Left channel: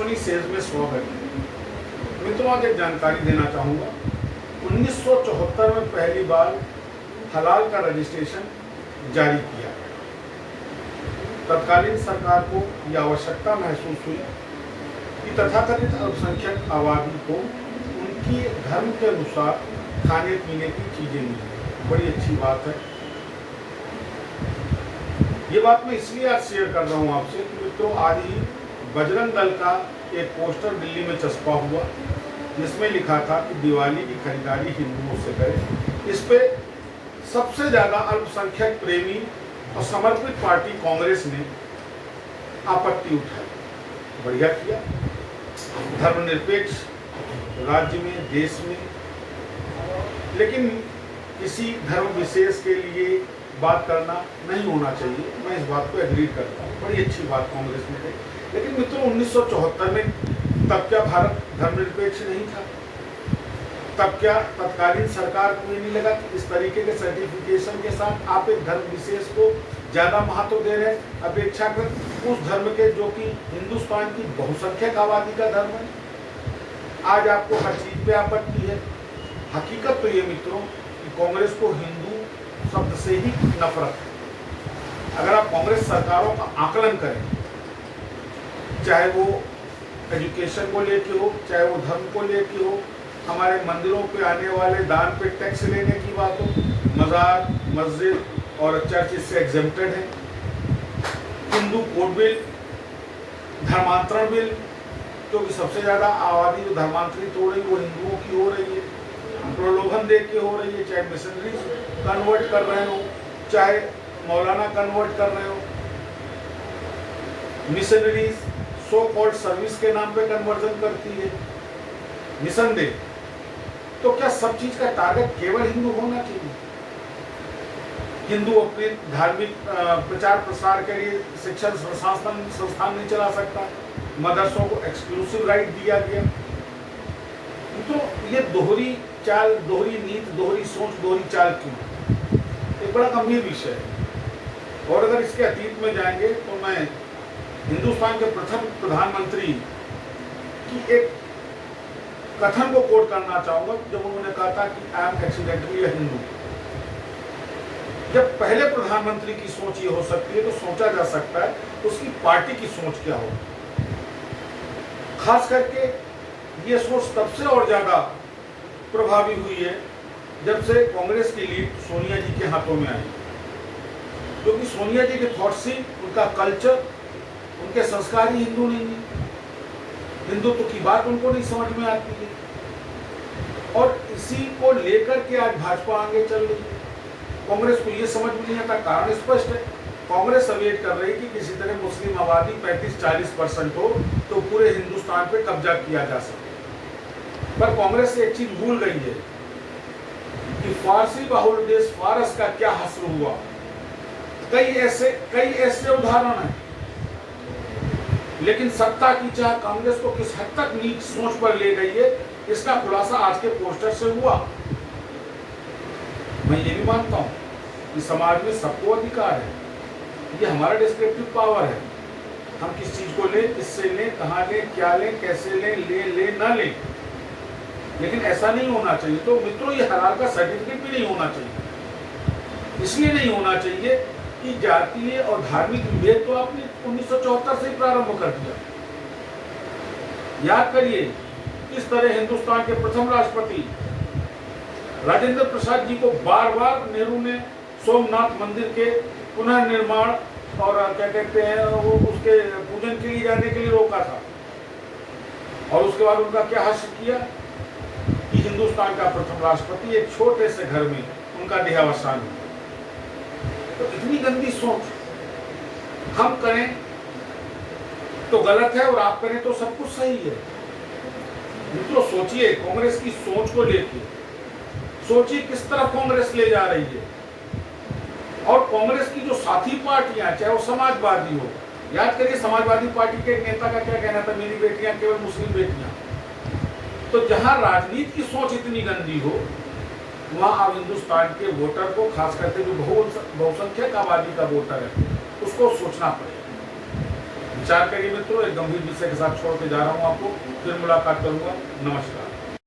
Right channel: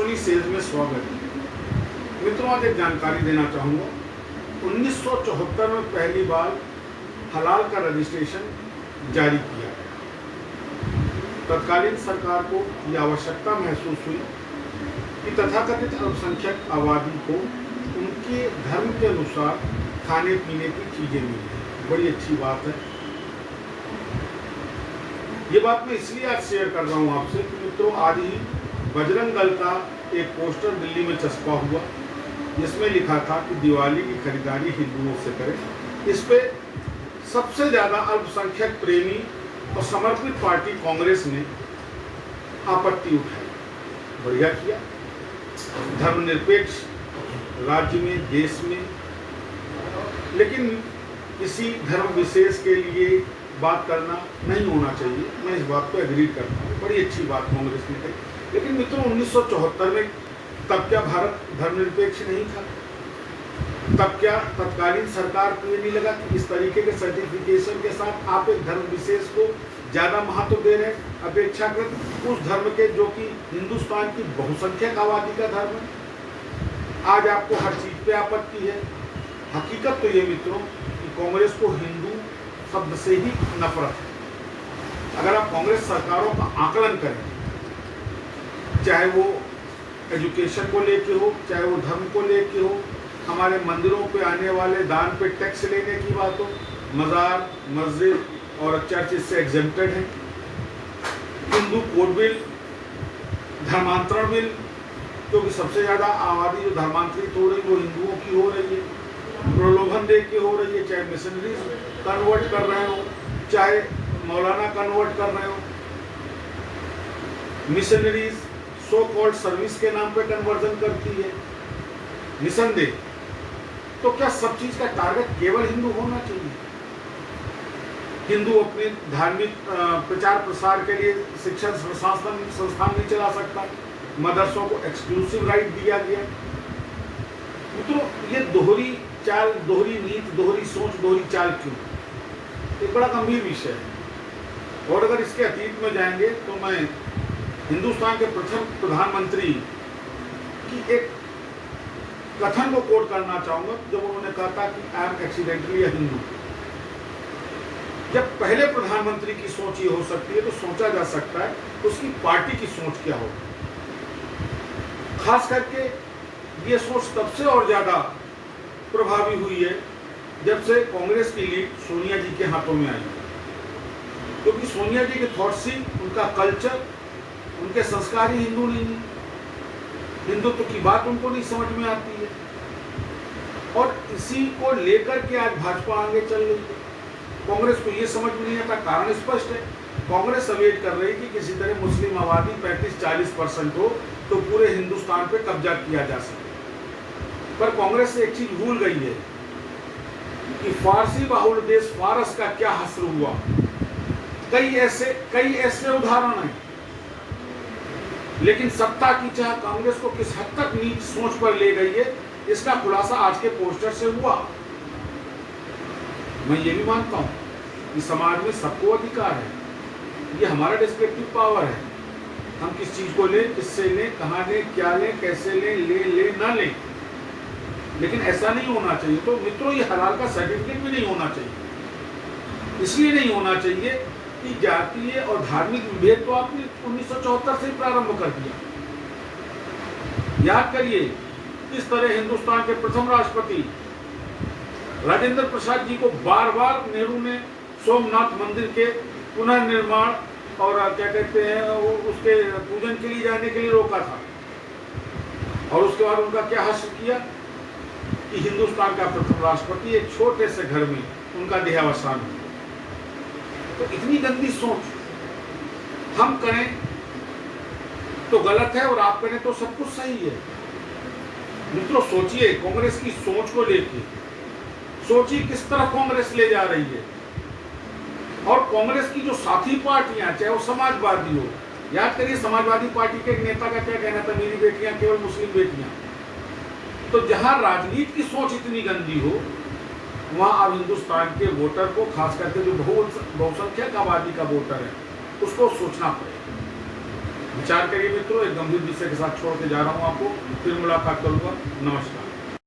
Soni says में स्वागत है। मित्रों, आज एक जानकारी देना चाहूँगा। 1974 में पहली बार हलाल का रजिस्ट्रेशन जारी किया गया। तत्कालीन सरकार को यह आवश्यकता महसूस हुई कि तथाकथित अल्पसंख्यक आबादी को उनके धर्म के अनुसार खाने पीने की चीज़ें मिली। बड़ी अच्छी बात है। ये बात मैं इसलिए आज शेयर कर रहा हूँ आपसे कि मित्रों, आज ही बजरंग दल का एक पोस्टर दिल्ली में चस्पा हुआ जिसमें लिखा था कि दिवाली की खरीदारी हिंदुओं से करें। इस पे सबसे ज़्यादा अल्पसंख्यक प्रेमी और समर्पित पार्टी कांग्रेस ने आपत्ति उठाई। बढ़िया किया। धर्मनिरपेक्ष राज्य में, देश में, लेकिन किसी धर्म विशेष के लिए बात करना नहीं होना चाहिए। मैं इस बात को एग्री करता हूँ। बड़ी अच्छी बात कांग्रेस ने कही। लेकिन मित्रों, 1974 में तब क्या भारत धर्मनिरपेक्ष नहीं था? तब क्या तत्कालीन सरकार को ये नहीं लगा कि इस तरीके के सर्टिफिकेशन के साथ आप एक धर्म विशेष को ज़्यादा महत्व दे रहे हैं अपेक्षाकृत उस धर्म के जो कि हिंदुस्तान की बहुसंख्यक आबादी का धर्म है? आज आपको हर चीज़ पे आपत्ति है। हकीकत तो ये मित्रों कि कांग्रेस को हिंदू शब्द से ही नफरत है। अगर आप कांग्रेस सरकारों का आकलन करें, चाहे वो एजुकेशन को लेके हो, चाहे वो धर्म को लेके हो, हमारे मंदिरों पे आने वाले दान पे टैक्स लेने की बात हो, मज़ार, मस्जिद और चर्च इससे एग्जेम्प्टेड है। हिंदू कोड बिल, धर्मांतरण बिल, क्योंकि सबसे ज़्यादा आबादी जो धर्मांतरित हो रही है वो हिंदुओं की हो रही है। प्रलोभन दे के हो रही है, चाहे मिशनरी कन्वर्ट कर रहे हो, चाहे मौलाना कन्वर्ट कर रहे हो। मिशनरीज सो कॉल्ड सर्विस के नाम पे कन्वर्जन करती है, निसंदेह। तो क्या सब चीज का टारगेट केवल हिंदू होना चाहिए? हिंदू अपने धार्मिक प्रचार प्रसार के लिए शिक्षण संस्थान नहीं चला सकता? मदरसों को एक्सक्लूसिव राइट दिया गया। तो ये दोहरी चाल, दोहरी नीति, दोहरी सोच, दोहरी चाल क्यों? एक बड़ा गंभीर विषय है। और अगर इसके अतीत में जाएंगे तो मैं हिंदुस्तान के प्रथम प्रधानमंत्री की एक कथन को कोट करना चाहूंगा जब उन्होंने कहा था कि आई एम एक्सीडेंटली अ हिंदू। जब पहले प्रधानमंत्री की सोच ये हो सकती है तो सोचा जा सकता है तो उसकी पार्टी की सोच क्या होगी। खास करके ये सोच तब से और ज्यादा प्रभावी हुई है जब से कांग्रेस की लीड सोनिया जी के हाथों में आई। क्योंकि सोनिया जी के थॉट्स ही, उनका कल्चर, उनके संस्कार ही हिंदू नहीं है। हिंदुत्व की बात उनको नहीं समझ में आती है और इसी को लेकर के आज भाजपा आगे चल रही है। कांग्रेस को ये समझ में नहीं आता। कारण स्पष्ट है। कांग्रेस अवेट कर रही कि किसी तरह मुस्लिम आबादी 35-40% हो तो पूरे हिंदुस्तान पे कब्जा किया जा सके। पर कांग्रेस एक चीज भूल गई है कि फारसी बाहुल देश फारस का क्या हश्र हुआ। कई ऐसे उदाहरण हैं। लेकिन सत्ता की चाह कांग्रेस को किस हद तक नीच सोच पर ले गई है, इसका खुलासा आज के पोस्टर से हुआ। मैं ये भी मानता हूं कि समाज में सबको अधिकार है। ये हमारा डिस्क्रिप्टिव पावर है। हम किस चीज को लें, किससे लें, कहां लें, क्या लें, कैसे लें, ना लें। लेकिन ऐसा नहीं होना चाहिए। तो मित्रों, ये हलाल का सर्टिफिकेट भी नहीं होना चाहिए। इसलिए नहीं होना चाहिए कि जातीय और धार्मिक विभेद तो आपने 1974 से ही प्रारंभ कर दिया। याद करिए, इस तरह हिंदुस्तान के प्रथम राष्ट्रपति राजेंद्र प्रसाद जी को बार बार नेहरू ने सोमनाथ मंदिर के पुनर्निर्माण और क्या कहते हैं वो उसके पूजन के लिए जाने के लिए रोका था। और उसके बाद उनका क्या हश्र किया कि हिंदुस्तान का प्रथम राष्ट्रपति एक छोटे से घर में उनका देहावसान हुआ। तो इतनी गंदी सोच हम करें तो गलत है और आप करें तो सब कुछ सही है। मित्रों, सोचिए कांग्रेस की सोच को लेकर, सोचिए किस तरफ कांग्रेस ले जा रही है। और कांग्रेस की जो साथी पार्टियां, चाहे वो समाजवादी हो, याद करिए समाजवादी पार्टी के एक नेता का क्या कहना था, मेरी बेटियां केवल मुस्लिम बेटियां। तो जहां राजनीति की सोच इतनी गंदी हो, वहाँ अब हिंदुस्तान के वोटर को, खास करके जो बहुसंख्यक आबादी का वोटर है, उसको सोचना पड़ेगा। विचार करिए मित्रों। एक गंभीर विषय के साथ छोड़ के जा रहा हूँ आपको, फिर मुलाकात करूंगा। नमस्कार।